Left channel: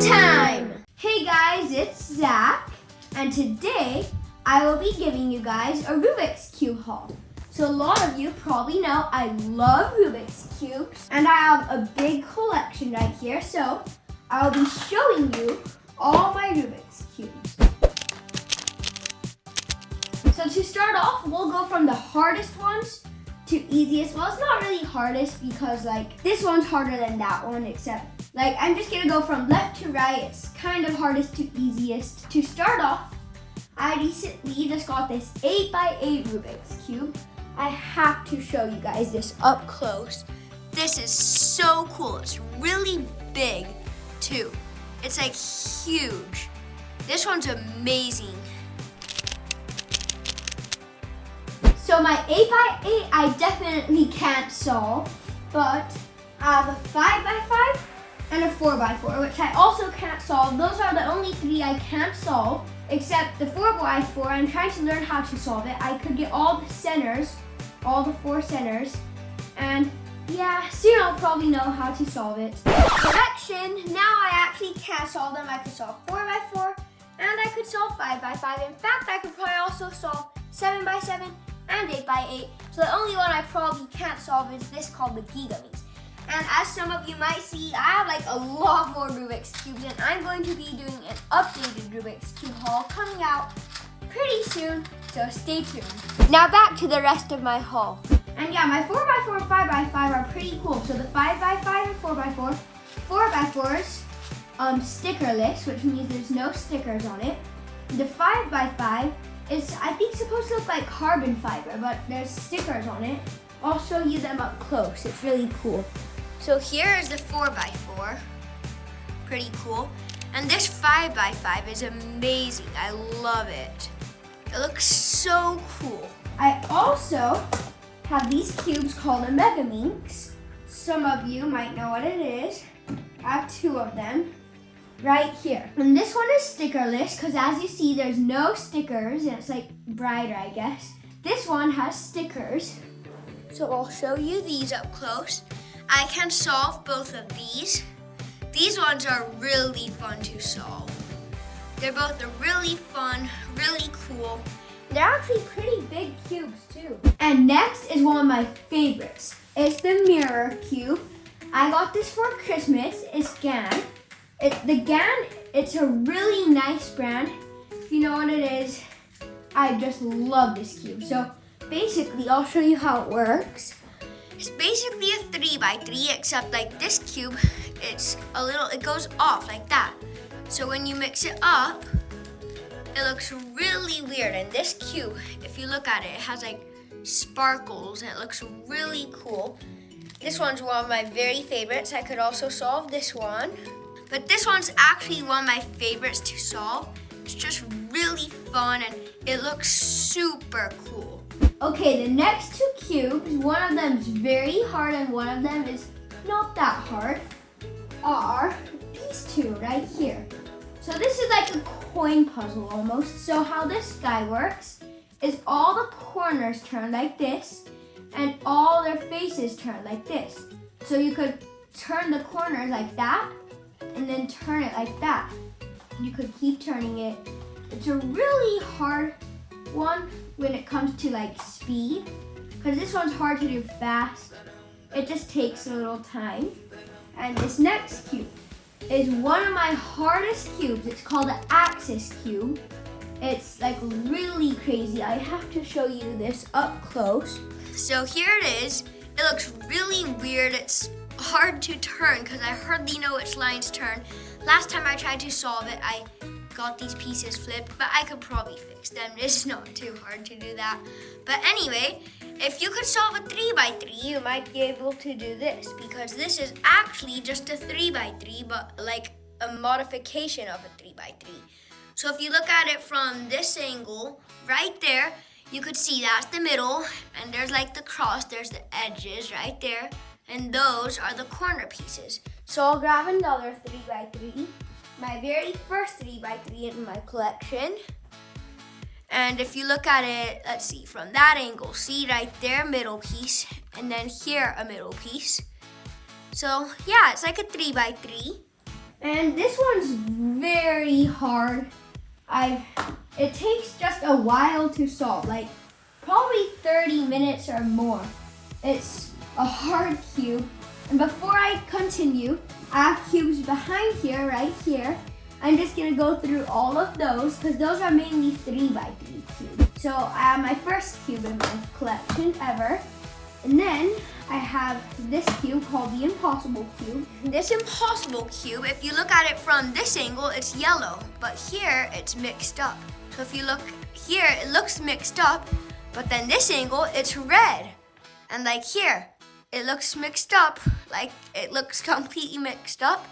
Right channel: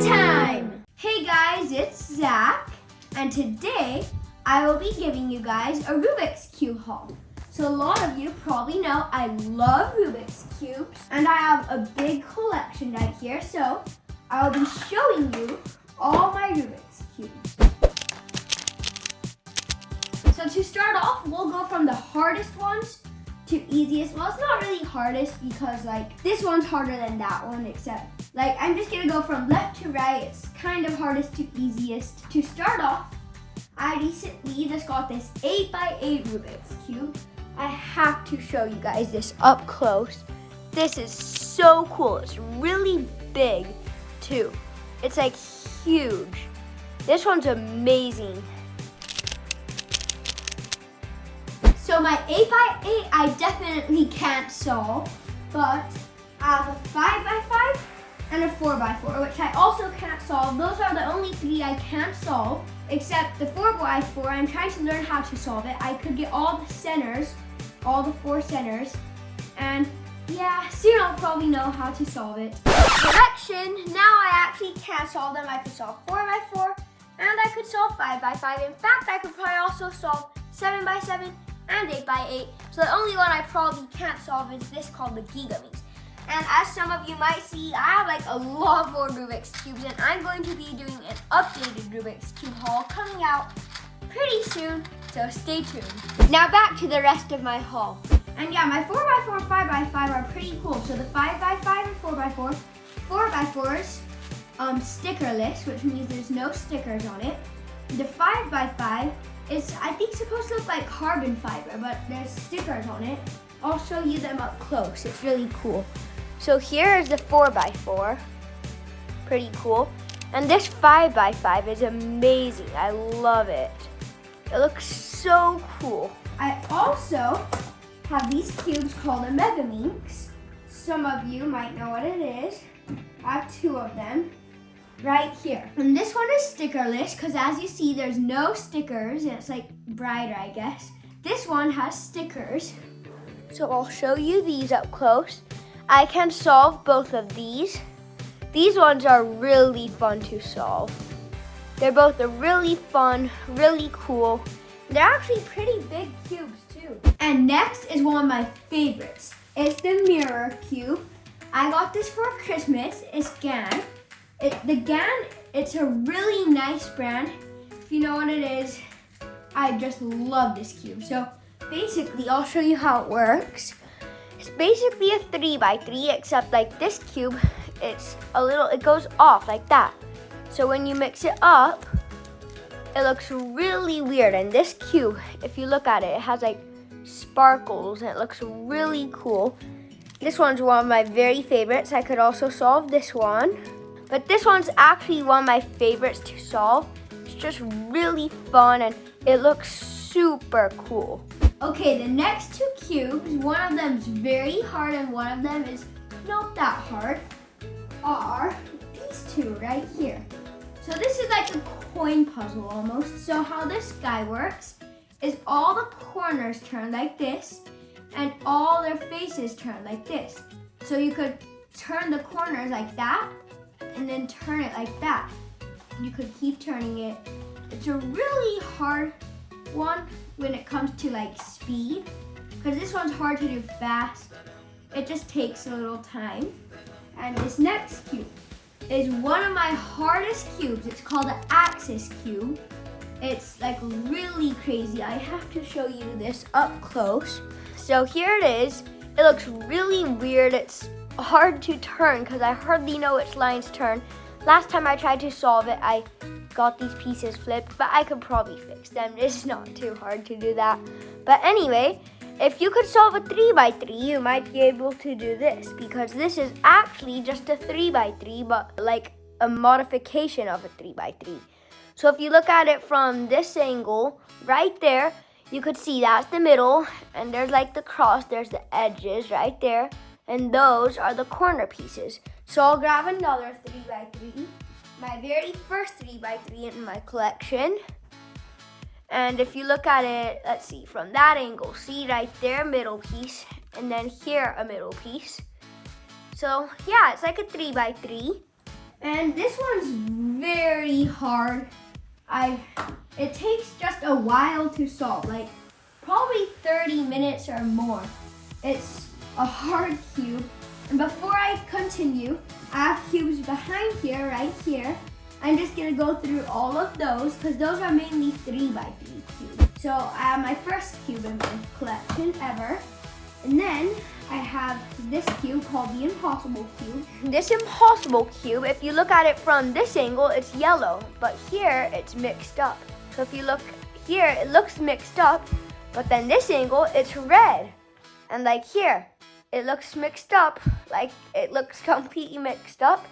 time! Hey guys, it's Zach, and today I will be giving you guys a Rubik's Cube haul. So a lot of you probably know I love Rubik's Cubes, and I have a big collection right here, so I will be showing you all my Rubik's Cubes. So to start off, we'll go from the hardest ones to easiest. Well, it's not really hardest because this one's harder than that one, except I'm just gonna go from left to right. It's kind of hardest to easiest. To start off, I recently just got this 8x8 Rubik's Cube. I have to show you guys this up close. This is so cool. It's really big too. It's huge. This one's amazing. So my 8x8 I definitely can't solve, but I have a 5x5 and a 4x4, which I also can't solve. Those are the only three I can't solve, except the 4x4. I'm trying to learn how to solve it. I could get all the centers, all the 4 centers, and yeah, soon I'll probably know how to solve it. Correction, now I actually can solve them. I could solve 4x4, and I could solve 5x5. In fact, I could probably also solve 7x7 and 8x8. So the only one I probably can't solve is this called the Gigamies. And as some of you might see, I have a lot more Rubik's Cubes, and I'm going to be doing an updated Rubik's Cube haul coming out pretty soon, so stay tuned. Now back to the rest of my haul. And yeah, my 4x4 and 5x5 are pretty cool. So the 5x5 and 4x4, 4x4's stickerless, which means there's no stickers on it. The 5x5 is, I think, supposed to look like carbon fiber, but there's stickers on it. I'll show you them up close. It's really cool. So here is the 4x4, pretty cool. And this 5x5 is amazing. I love it. It looks so cool. I also have these cubes called a Mega Minx. Some of you might know what it is. I have 2 of them right here. And this one is stickerless because as you see, there's no stickers and it's brighter, I guess. This one has stickers. So I'll show you these up close. I can solve both of these. These ones are really fun to solve. They're both really fun, really cool. They're actually pretty big cubes too. And next is one of my favorites. It's the mirror cube. I got this for Christmas. It's GAN. The GAN, it's a really nice brand. If you know what it is, I just love this cube. So basically, I'll show you how it works. It's basically a 3x3, except this cube, it goes off like that. So when you mix it up, it looks really weird. And this cube, if you look at it, it has sparkles and it looks really cool. This one's one of my very favorites. I could also solve this one, but this one's actually one of my favorites to solve. It's just really fun and it looks super cool. Okay, the next 2 cubes, one of them is very hard and one of them is not that hard, are these 2 right here. So this is a coin puzzle almost. So how this guy works is all the corners turn like this and all their faces turn like this. So you could turn the corners like that and then turn it like that. You could keep turning it. It's a really hard one when it comes to speed, because this one's hard to do fast. It just takes a little time. And this next cube is one of my hardest cubes. It's called the Axis cube. It's really crazy. I have to show you this up close. So here it is. It looks really weird. It's hard to turn because I hardly know which lines turn. Last time I tried to solve it, I got these pieces flipped, but I could probably fix them. It's not too hard to do that. But anyway, if you could solve a 3x3, you might be able to do this, because this is actually just a 3x3, but a modification of a 3x3. So if you look at it from this angle, right there, you could see that's the middle, and there's the cross, there's the edges right there, and those are the corner pieces. So I'll grab another 3x3, my very first 3x3 in my collection. And if you look at it, let's see, from that angle, see right there, middle piece, and then here a middle piece. So yeah, it's like a 3x3. And this one's very hard. It takes just a while to solve, like probably 30 minutes or more. It's a hard cube. And before I continue, I have cubes behind here, right here. I'm just gonna go through all of those because those are mainly 3x3 cubes. So I have my first cube in my collection ever. And then I have this cube called the Impossible Cube. This Impossible Cube, if you look at it from this angle, it's yellow, but here it's mixed up. So if you look here, it looks mixed up, but then this angle, it's red. And like here, it looks mixed up, like it looks completely mixed up,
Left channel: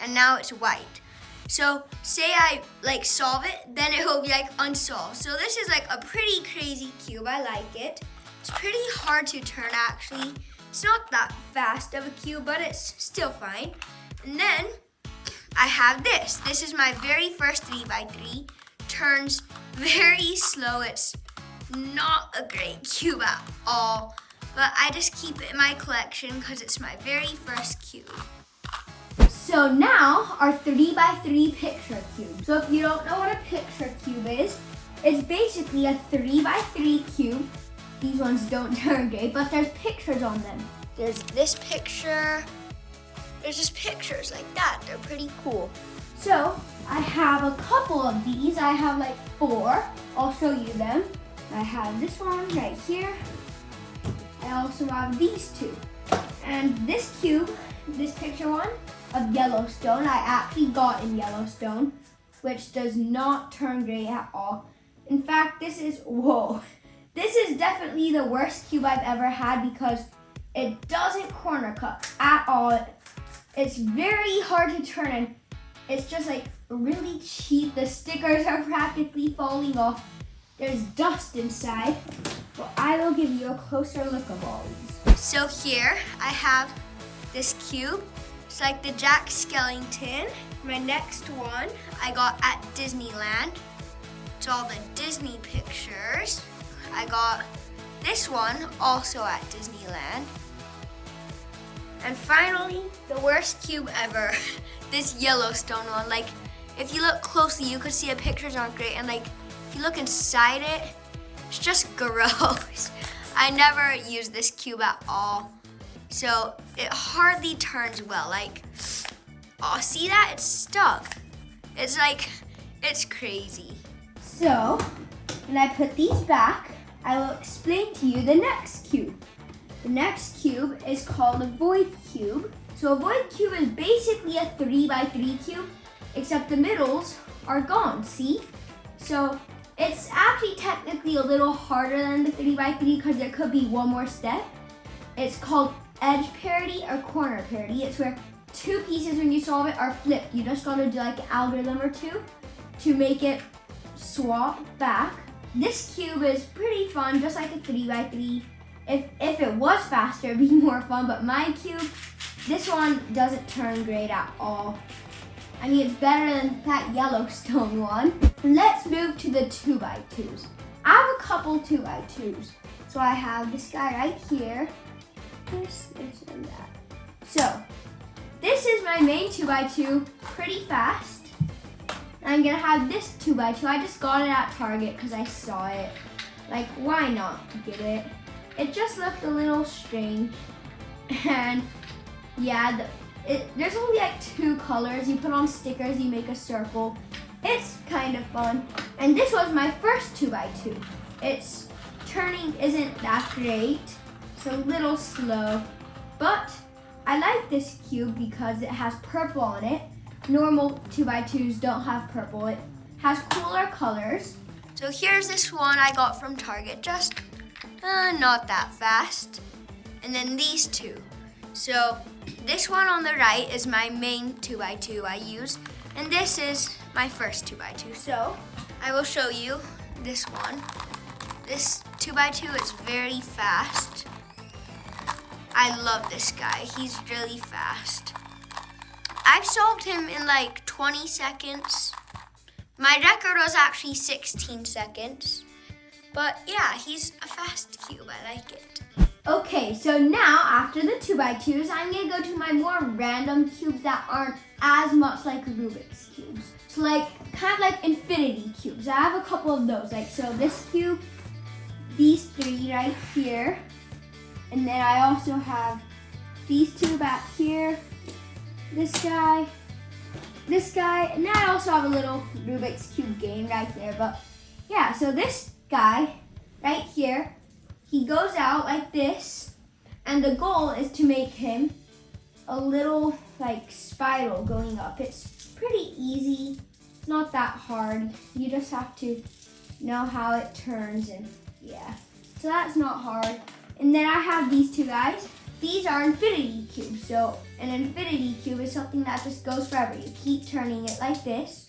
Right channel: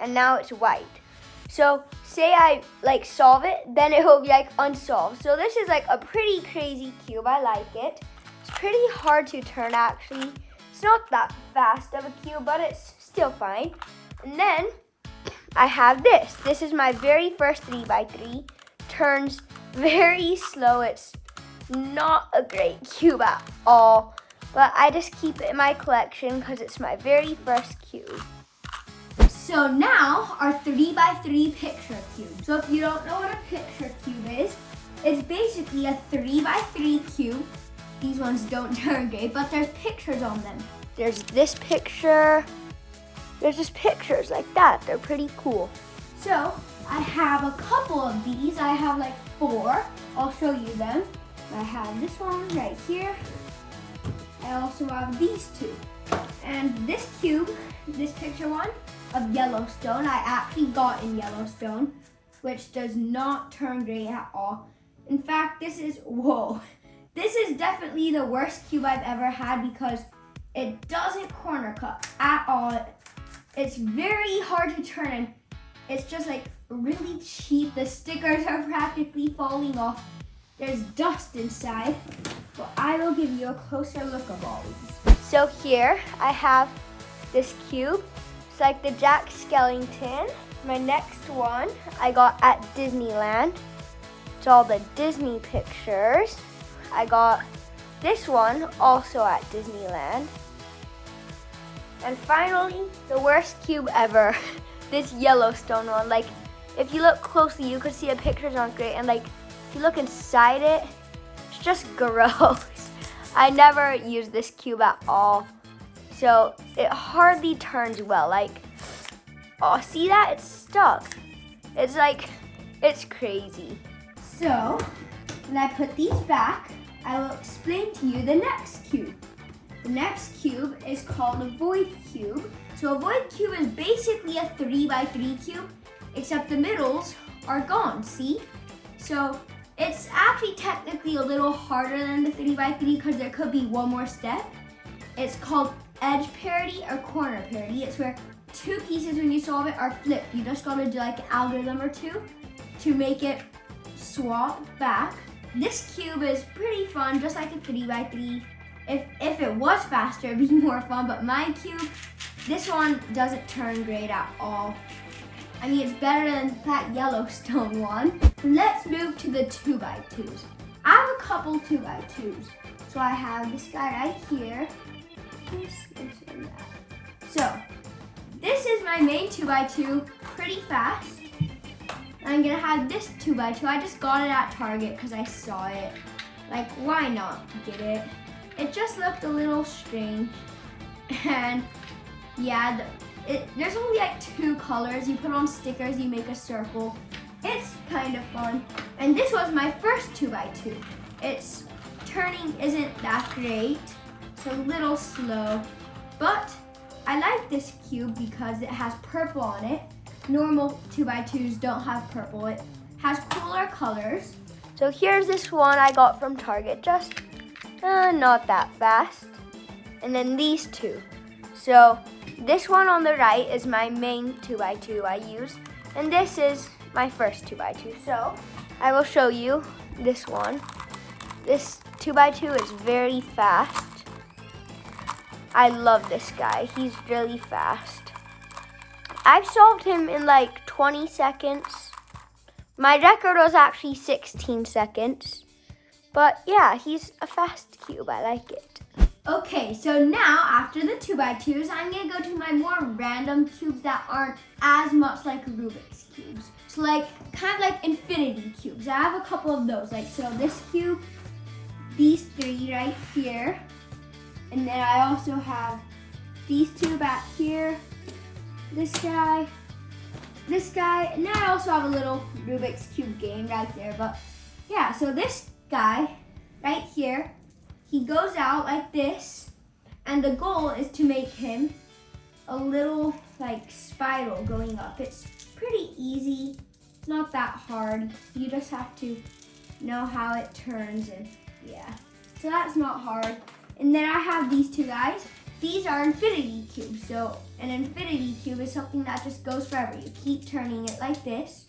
and now it's white. So say I like solve it, then it will be like unsolved. So this is like a pretty crazy cube, I like it. It's pretty hard to turn actually. It's not that fast of a cube, but it's still fine. And then I have this. This is my very first 3x3. Turns very slow. It's not a great cube at all, but I just keep it in my collection because it's my very first cube. So now our 3x3 picture cube. So if you don't know what a picture cube is, it's basically a 3x3 cube. These ones don't turn great, but there's pictures on them. There's this picture. There's just pictures like that. They're pretty cool. So I have a couple of these. I have like 4. I'll show you them. I have this one right here. I also have these 2. And this cube, this picture one of Yellowstone, I actually got in Yellowstone, which does not turn gray at all. In fact, this is definitely the worst cube I've ever had because it doesn't corner cut at all. It's very hard to turn and it's just like really cheap. The stickers are practically falling off. There's dust inside. Well, I will give you a closer look of all these. So here I have this cube. It's like the Jack Skellington. My next one I got at Disneyland. It's all the Disney pictures. I got this one also at Disneyland. And finally, the worst cube ever, this Yellowstone one. Like, if you look closely, you could see the pictures aren't great. And like, if you look inside it, it's just gross. I never use this cube at all. So it hardly turns well. Like, oh, see that? It's stuck. It's like, it's crazy. So, when I put these back, I will explain to you the next cube. The next cube is called a void cube. So a void cube is basically a 3x3 cube, except the middles are gone, see? So it's actually technically a little harder than the 3x3 because there could be one more step. It's called edge parity or corner parity. It's where 2 pieces when you solve it are flipped. You just gotta do like an algorithm or 2 to make it swap back. This cube is pretty fun, just like a 3x3. If it was faster, it'd be more fun, but my cube, this one doesn't turn great at all. I mean, it's better than that Yellowstone one. Let's move to the 2x2s. I have a couple 2x2s. So I have this guy right here. This, and that. So, this is my main 2x2, pretty fast. I'm gonna have this 2x2. I just got it at Target because I saw it. Like, why not get it? It just looked a little strange. And yeah, there's only like 2 colors. You put on stickers, you make a circle. It's kind of fun. And this was my first 2x2. Its turning isn't that great. It's a little slow. But I like this cube because it has purple on it. Normal 2x2s don't have purple. It has cooler colors. So here's this one I got from Target, just not that fast. And then these 2. So this one on the right is my main 2x2 I use. And this is my first 2x2. So I will show you this one. This 2x2 is very fast. I love this guy. He's really fast. I've solved him in like 20 seconds. My record was actually 16 seconds. But yeah, he's a fast cube. I like it. Okay, so now after the 2x2s, I'm gonna go to my more random cubes that aren't as much like Rubik's cubes. So like, kind of like infinity cubes. I have a couple of those. Like, so this cube, these three right here, and then I also have these two back here, this guy, and then I also have a little Rubik's Cube game right there. But yeah, so this guy right here, he goes out like this, and the goal is to make him a little like spiral going up. It's pretty easy, it's not that hard. You just have to know how it turns, and yeah, so that's not hard. And then I have these two guys. These are infinity cubes. So an infinity cube is something that just goes forever. You keep turning it like this.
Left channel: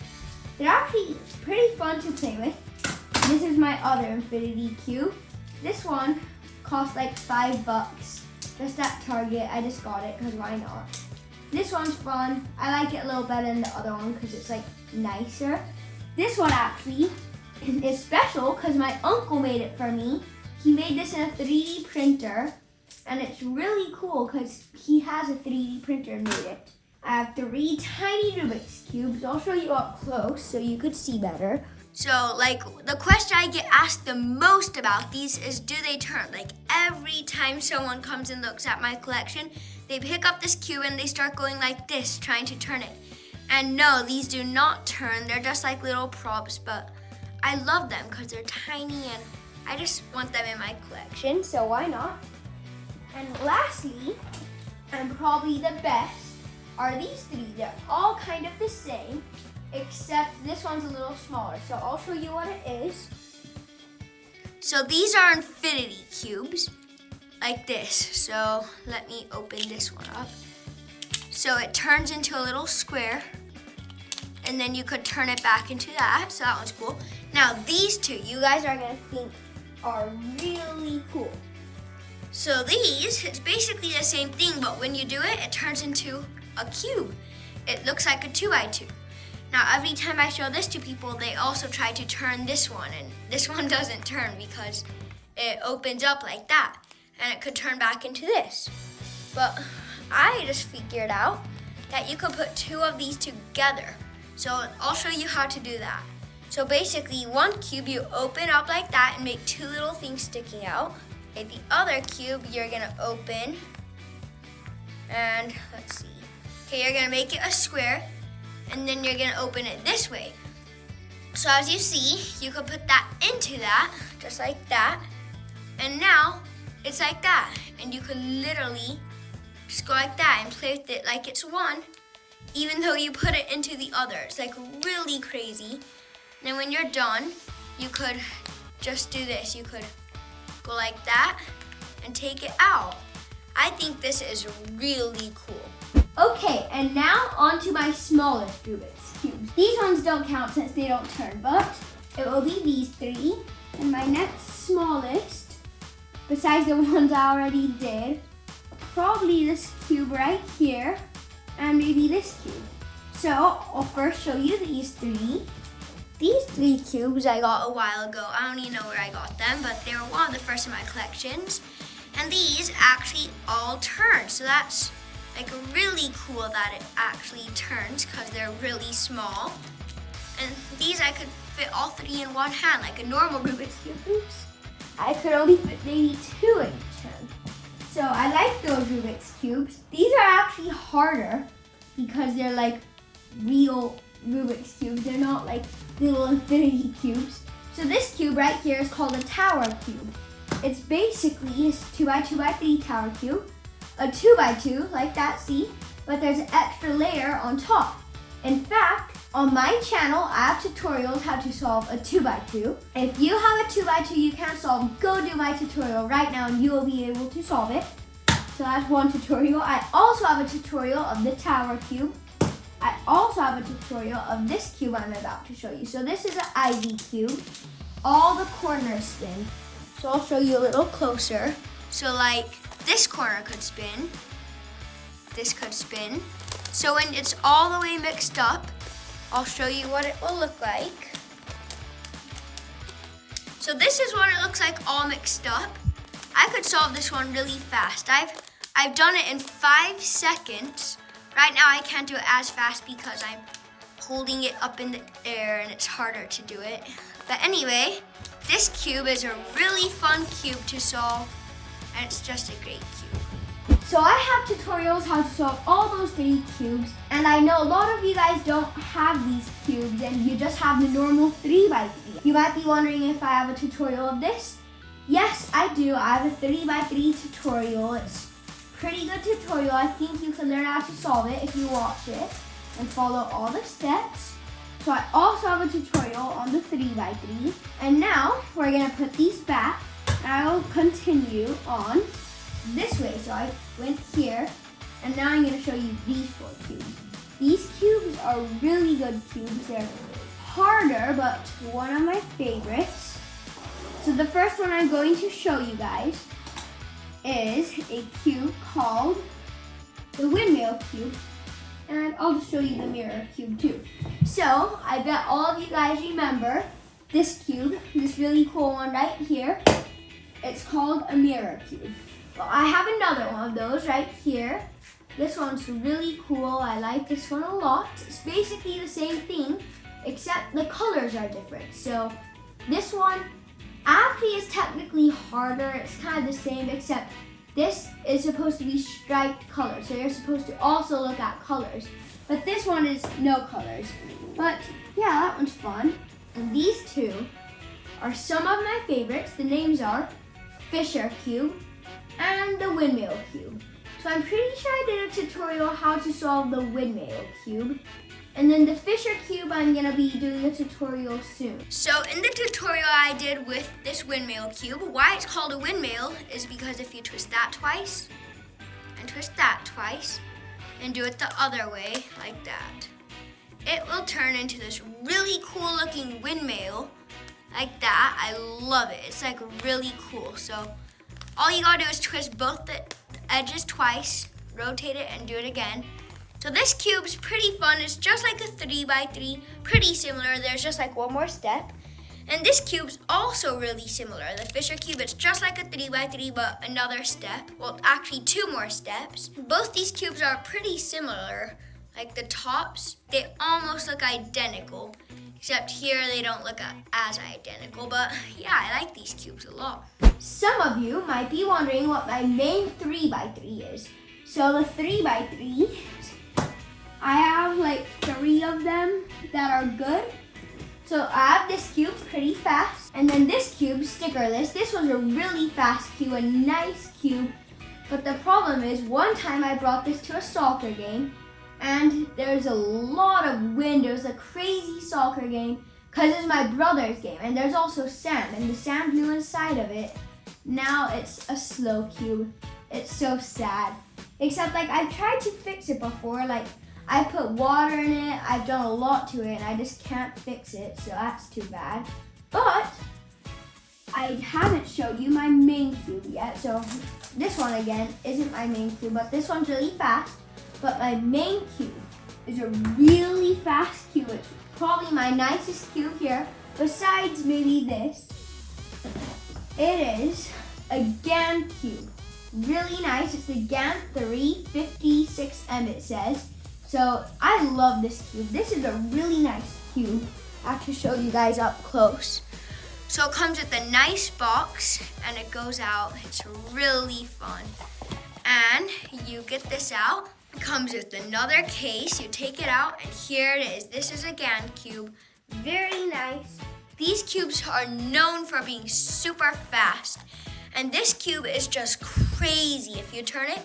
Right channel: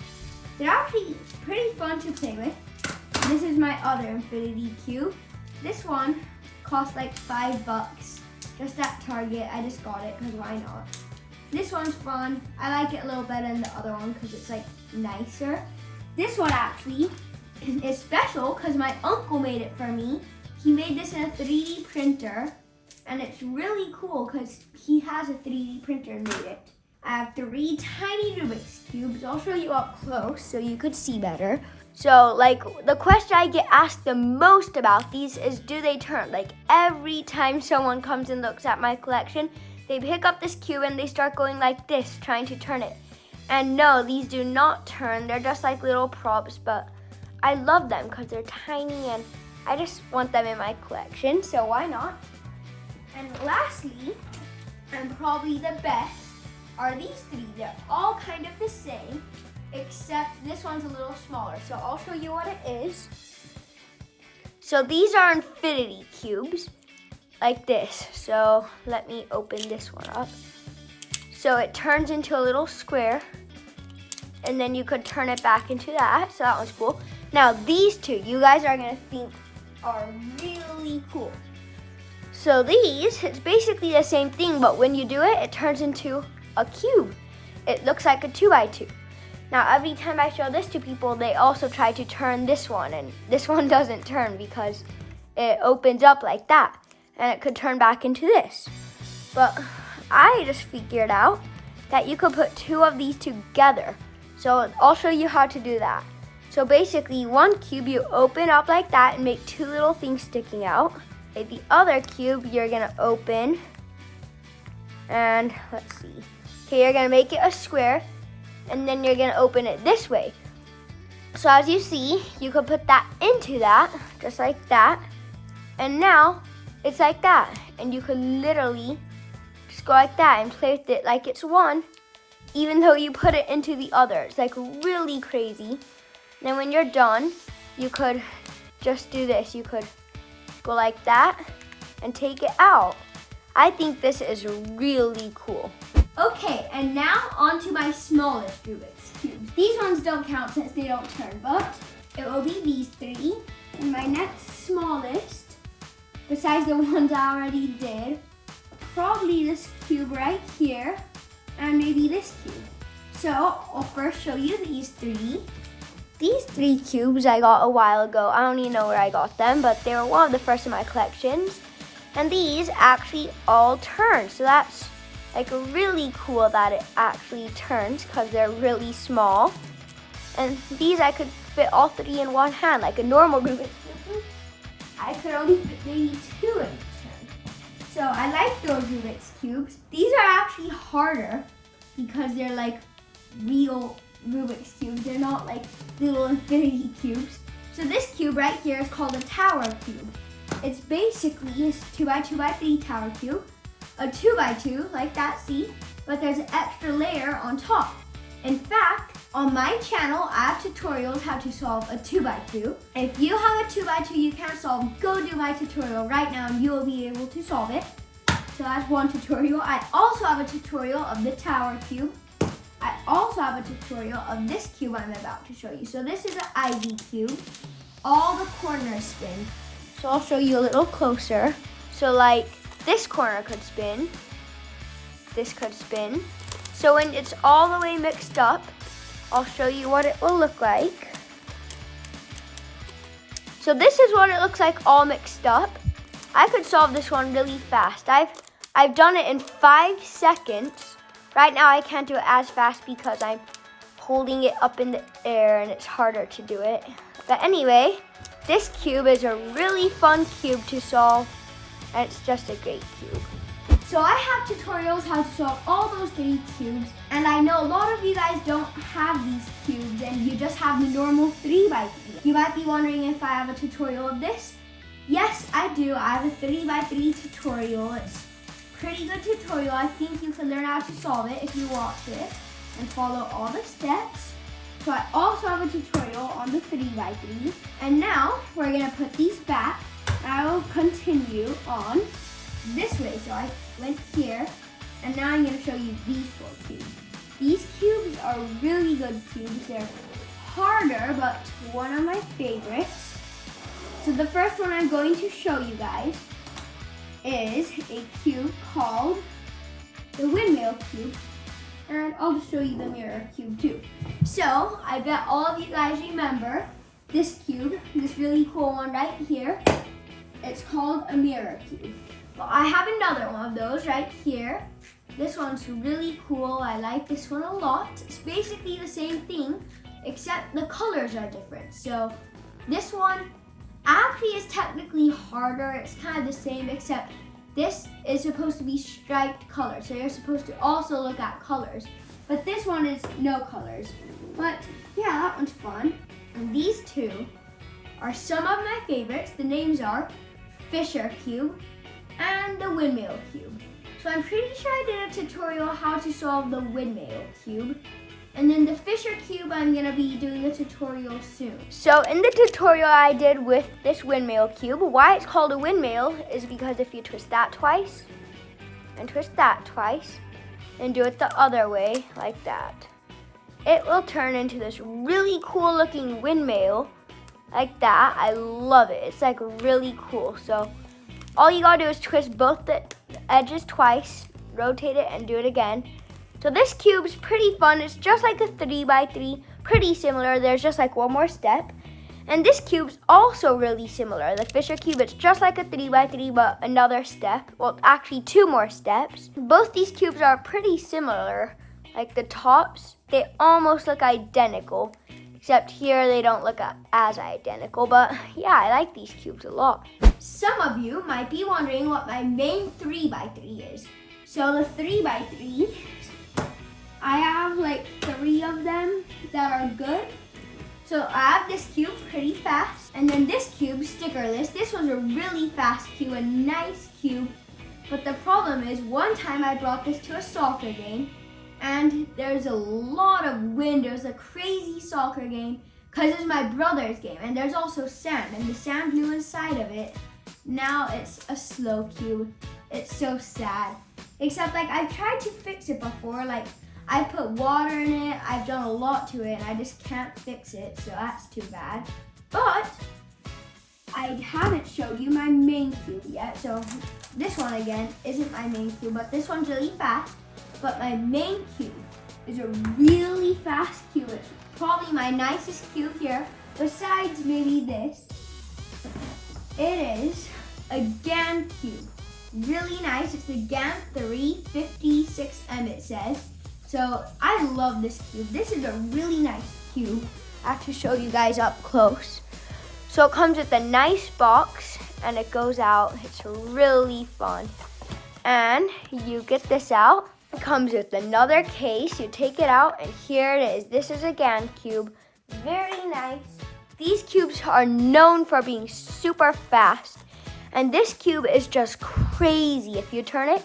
They're actually pretty fun to play with. This is my other infinity cube. This one cost like $5 just at Target. I just got it because why not? This one's fun. I like it a little better than the other one because it's like nicer. This one actually is special because my uncle made it for me. He made this in a 3D printer, and it's really cool because he has a 3D printer and made it. I have 3 tiny Rubik's cubes. I'll show you up close so you could see better. So like the question I get asked the most about these is, do they turn? Like every time someone comes and looks at my collection, they pick up this cube and they start going like this, trying to turn it. And no, these do not turn. They're just like little props, but I love them because they're tiny and I just want them in my collection, so why not? And lastly, and probably the best, are these three. They're all kind of the same, except this one's a little smaller. So I'll show you what it is. So these are infinity cubes, like this. So let me open this one up. So it turns into a little square, and then you could turn it back into that. So that one's cool. Now these two, you guys are gonna think are really cool. So these, it's basically the same thing, but when you do it, it turns into a cube. It looks like a 2x2. Now every time I show this to people, they also try to turn this one, and this one doesn't turn because it opens up like that, and it could turn back into this. But I just figured out that you could put 2 of these together. So I'll show you how to do that. So basically, one cube you open up like that and make 2 little things sticking out. And the other cube you're gonna open, and let's see. Okay, you're gonna make it a square, and then you're gonna open it this way. So as you see, you could put that into that, just like that. And now, it's like that. And you could literally just go like that and play with it like it's one, even though you put it into the other. It's like really crazy. And then when you're done, you could just do this. You could go like that and take it out. I think this is really cool. Okay, and now on to my smallest Rubik's cubes. These ones don't count since they don't turn, but it will be these 3. And my next smallest, besides the ones I already did, probably this cube right here, and maybe this cube. So I'll first show you these 3. These 3 cubes I got a while ago. I don't even know where I got them, but they were one of the first in my collections. And these actually all turn. So that's like really cool that it actually turns because they're really small. And these I could fit all 3 in one hand, like a normal Rubik's Cube. Oops. I could only fit maybe 2 in each hand. So I like those Rubik's Cubes. These are actually harder because they're like real Rubik's Cubes. They're not like little infinity cubes. So this cube right here is called a tower cube. It's basically a 2x2x3 tower cube, a 2x2 like that, see? But there's an extra layer on top. In fact, on my channel, I have tutorials how to solve a 2x2. If you have a 2x2 you can't solve, go do my tutorial right now and you will be able to solve it. So that's one tutorial. I also have a tutorial of the tower cube. I also have a tutorial of this cube I'm about to show you. So this is an Ivy cube. All the corners spin. So I'll show you a little closer. So like this corner could spin. This could spin. So when it's all the way mixed up, I'll show you what it will look like. So this is what it looks like all mixed up. I could solve this one really fast. I've done it in 5 seconds. Right now I can't do it as fast because I'm holding it up in the air and it's harder to do it. But anyway, this cube is a really fun cube to solve, and it's just a great cube. So I have tutorials how to solve all those 3 cubes, and I know a lot of you guys don't have these cubes and you just have the normal 3x3. You might be wondering if I have a tutorial of this. Yes, I do. I have a 3x3 tutorial. It's a pretty good tutorial. I think you can learn how to solve it if you watch it and follow all the steps. So I also have a tutorial on the 3x3. And now we're gonna put these back, and I will continue on this way. So I went here, and now I'm gonna show you these 4 cubes. These cubes are really good cubes. They're harder, but one of my favorites. So the first one I'm going to show you guys is a cube called the windmill cube. And I'll just show you the mirror cube too. So I bet all of you guys remember this cube, this really cool one right here. It's called a mirror cube. Well, I have another one of those right here. This one's really cool. I like this one a lot. It's basically the same thing, except the colors are different. So this one actually is technically harder. It's kind of the same, except this is supposed to be striped colors. So you're supposed to also look at colors. But this one is no colors. But yeah, that one's fun. And these 2 are some of my favorites. The names are Fisher Cube and the Windmill Cube. So I'm pretty sure I did a tutorial how to solve the Windmill Cube. And then the Fisher Cube, I'm gonna be doing a tutorial soon. So in the tutorial I did with this windmill cube, why it's called a windmill is because if you twist that twice, and twist that twice, and do it the other way, like that, it will turn into this really cool looking windmill, like that. I love it. It's like really cool. So all you gotta do is twist both the edges twice, rotate it, and do it again. So this cube's pretty fun. It's just like a 3x3, pretty similar. There's just like one more step. And this cube's also really similar. The Fisher cube, it's just like a 3x3, but another step. Well, actually 2 more steps. Both these cubes are pretty similar. Like the tops, they almost look identical, except here they don't look as identical. But yeah, I like these cubes a lot. Some of you might be wondering what my main 3x3 is. So the 3x3, I have like 3 of them that are good. So I have this cube pretty fast, and then this cube, stickerless. This was a really fast cube, a nice cube. But the problem is, one time I brought this to a soccer game, and there's a lot of wind. It was a crazy soccer game, because it's my brother's game, and there's also sand, and the sand blew inside of it. Now it's a slow cube. It's so sad. Except like I've tried to fix it before, like I put water in it, I've done a lot to it, and I just can't fix it, so that's too bad. But I haven't showed you my main cube yet, so this one again isn't my main cube, but this one's really fast. But my main cube is a really fast cube. It's probably my nicest cube here, besides maybe this. It is a GAN cube. Really nice. It's the GAN 356M, it says. So I love this cube. This is a really nice cube. I have to show you guys up close. So it comes with a nice box and it goes out. It's really fun. And you get this out. It comes with another case. You take it out and here it is. This is a GAN cube. Very nice. These cubes are known for being super fast. And this cube is just crazy. If you turn it,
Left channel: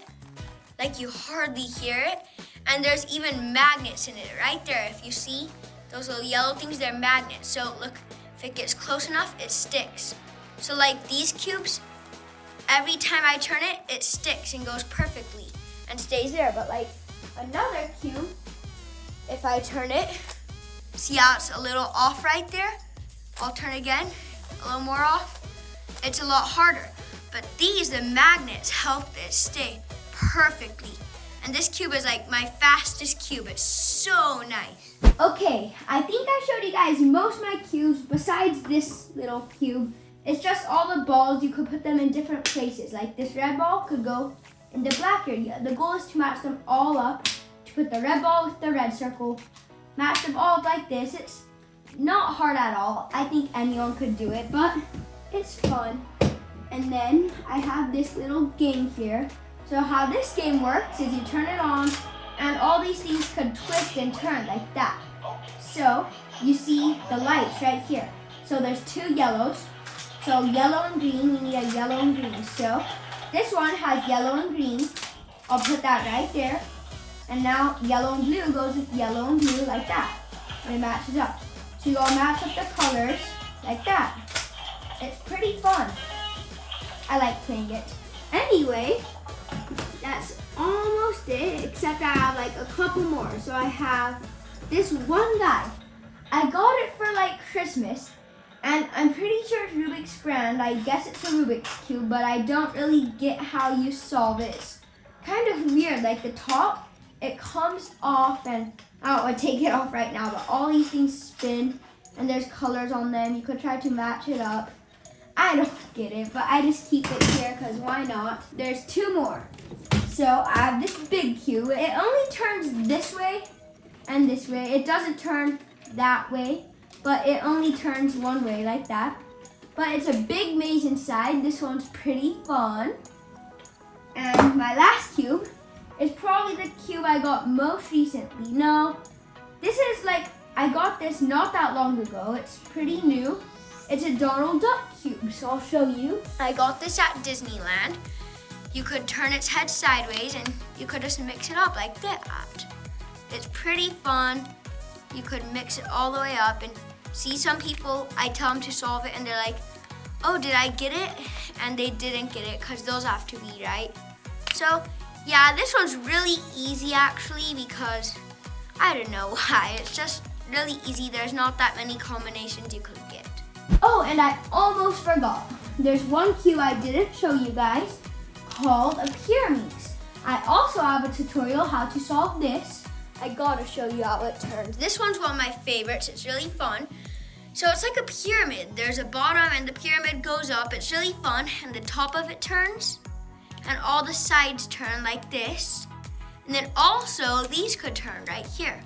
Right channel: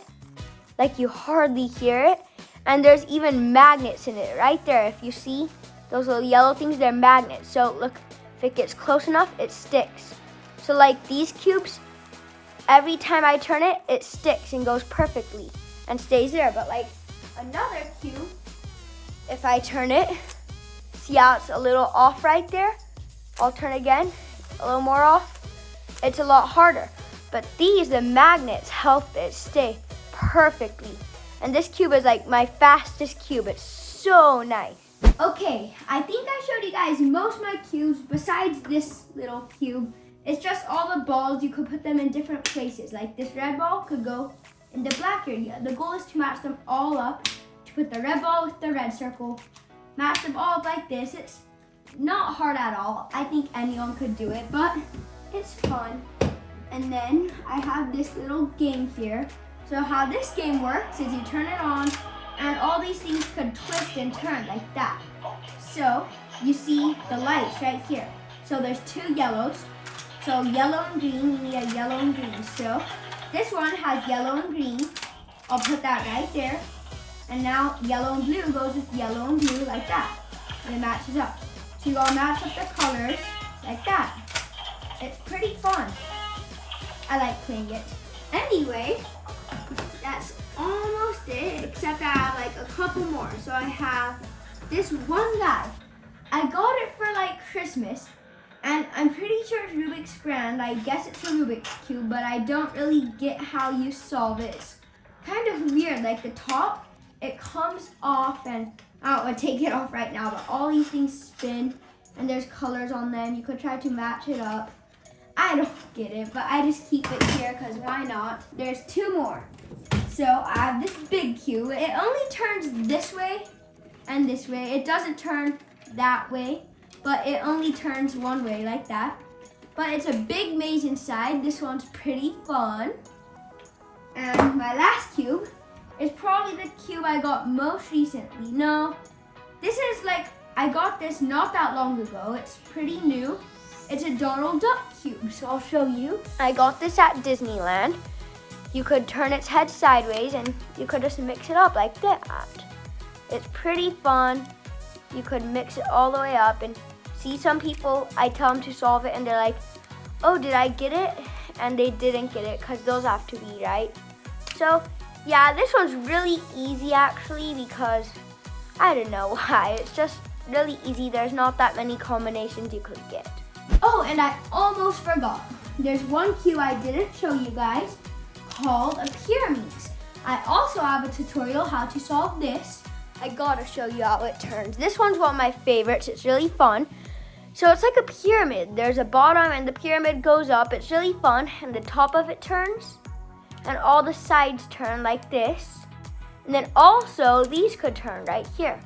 like you hardly hear it. And there's even magnets in it right there. If you see those little yellow things, they're magnets. So look, if it gets close enough, it sticks. So like these cubes, every time I turn it, it sticks and goes perfectly and stays there. But like another cube, if I turn it, see how it's a little off right there? I'll turn again, a little more off. It's a lot harder. But these, the magnets, help it stay perfectly. And this cube is like my fastest cube. It's so nice. Okay, I think I showed you guys most of my cubes besides this little cube. It's just all the balls, you could put them in different places. Like this red ball could go in the black area. The goal is to match them all up, to put the red ball with the red circle, match them all up like this. It's not hard at all. I think anyone could do it, but it's fun. And then I have this little game here. So how this game works is you turn it on and all these things could twist and turn like that. So you see the lights right here. So there's two yellows. So yellow and green, we need a yellow and green. So this one has yellow and green. I'll put that right there. And now yellow and blue goes with yellow and blue like that. And it matches up. So you gotta match up the colors like that. It's pretty fun. I like playing it. Anyway, that's almost it, except I have like a couple more. So I have this one guy. I got it for like Christmas, and I'm pretty sure it's Rubik's brand. I guess it's a Rubik's Cube, but I don't really get how you solve it. It's kind of weird, like the top, it comes off, and I don't want to take it off right now, but all these things spin, and there's colors on them. You could try to match it up. I don't get it, but I just keep it here because why not? There's two more. So I have this big cube. It only turns this way and this way. It doesn't turn that way, but it only turns one way like that. But it's a big maze inside. This one's pretty fun. And my last cube is probably the cube I got most recently. No, this is like, I got this not that long ago. It's pretty new. It's a Donald Duck cube, so I'll show you. I got this at Disneyland. You could turn its head sideways and you could just mix it up like that. It's pretty fun. You could mix it all the way up and see some people, I tell them to solve it and they're like, oh, did I get it? And they didn't get it because those have to be right. So yeah, this one's really easy actually because I don't know why. It's just really easy. There's not that many combinations you could get. Oh, and I almost forgot. There's one cube I didn't show you guys called a pyramids. I also have a tutorial how to solve this. I gotta show you how it turns. This one's one of my favorites. It's really fun. So it's like a pyramid. There's a bottom and the pyramid goes up. It's really fun. And the top of it turns. And all the sides turn like this. And then also these could turn right here.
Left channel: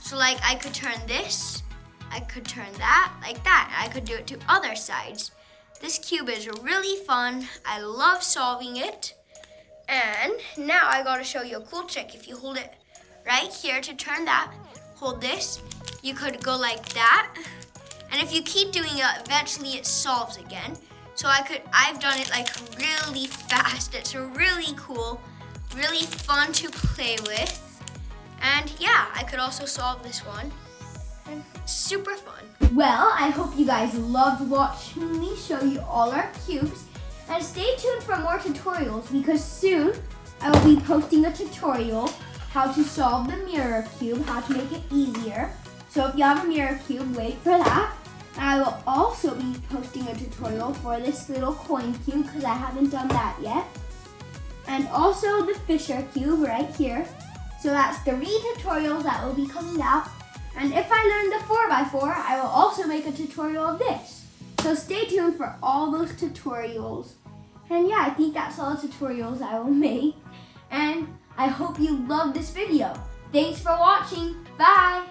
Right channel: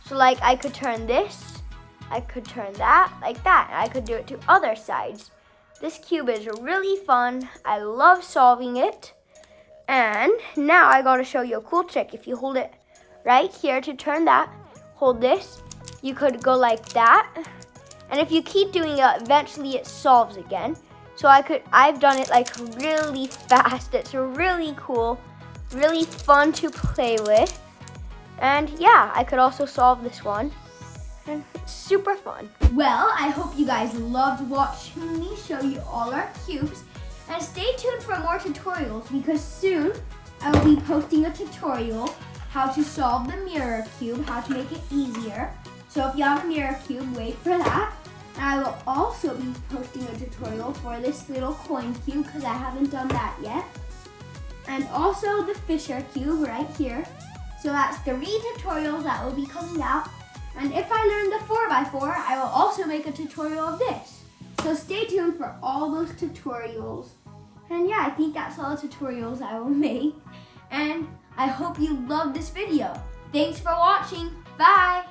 So like I could turn this. I could turn that like that. I could do it to other sides. This cube is really fun. I love solving it. And now I gotta show you a cool trick. If you hold it right here to turn that, hold this, you could go like that. And if you keep doing it, eventually it solves again. So I've done it like really fast. It's really cool, really fun to play with. And yeah, I could also solve this one. Super fun. Well, I hope you guys loved watching me show you all our cubes. And stay tuned for more tutorials because soon I will be posting a tutorial how to solve the mirror cube, how to make it easier. So if you have a mirror cube, wait for that. And I will also be posting a tutorial for this little coin cube because I haven't done that yet. And also the Fisher cube right here. So that's 3 tutorials that will be coming out. And if I learn the 4x4, I will also make a tutorial of this. So stay tuned for all those tutorials. And yeah, I think that's all the tutorials I will make. And I hope you loved this video. Thanks for watching. Bye.